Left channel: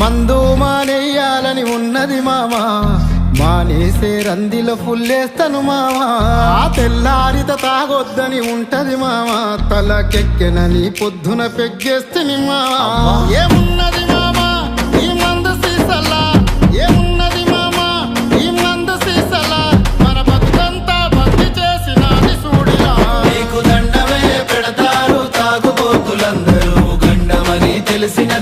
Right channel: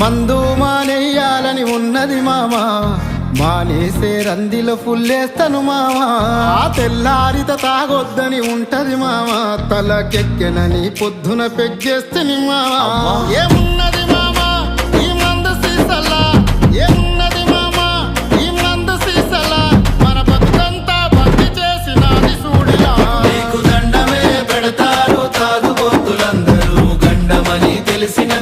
మందు మానేయాలని ఉన్నది మామా, మానేసే రందిలో ఫుల్లేస్తాను మామా. తెల్లారిత తాగొద్దని ఉంటది మామా, తలకెక్కెనని పొద్దున పెగ్గేస్తని మామా. ఏమున్నది మామా ఈ మందు సీసలా, ఏమున్నది మామా ఈ మందు సీసలా, మన బతుకంతా బంది చేసినది సూడిలా. నీకు దండమే పెడతారు తాగుబోతులందరూ, గండమని తెలిసిన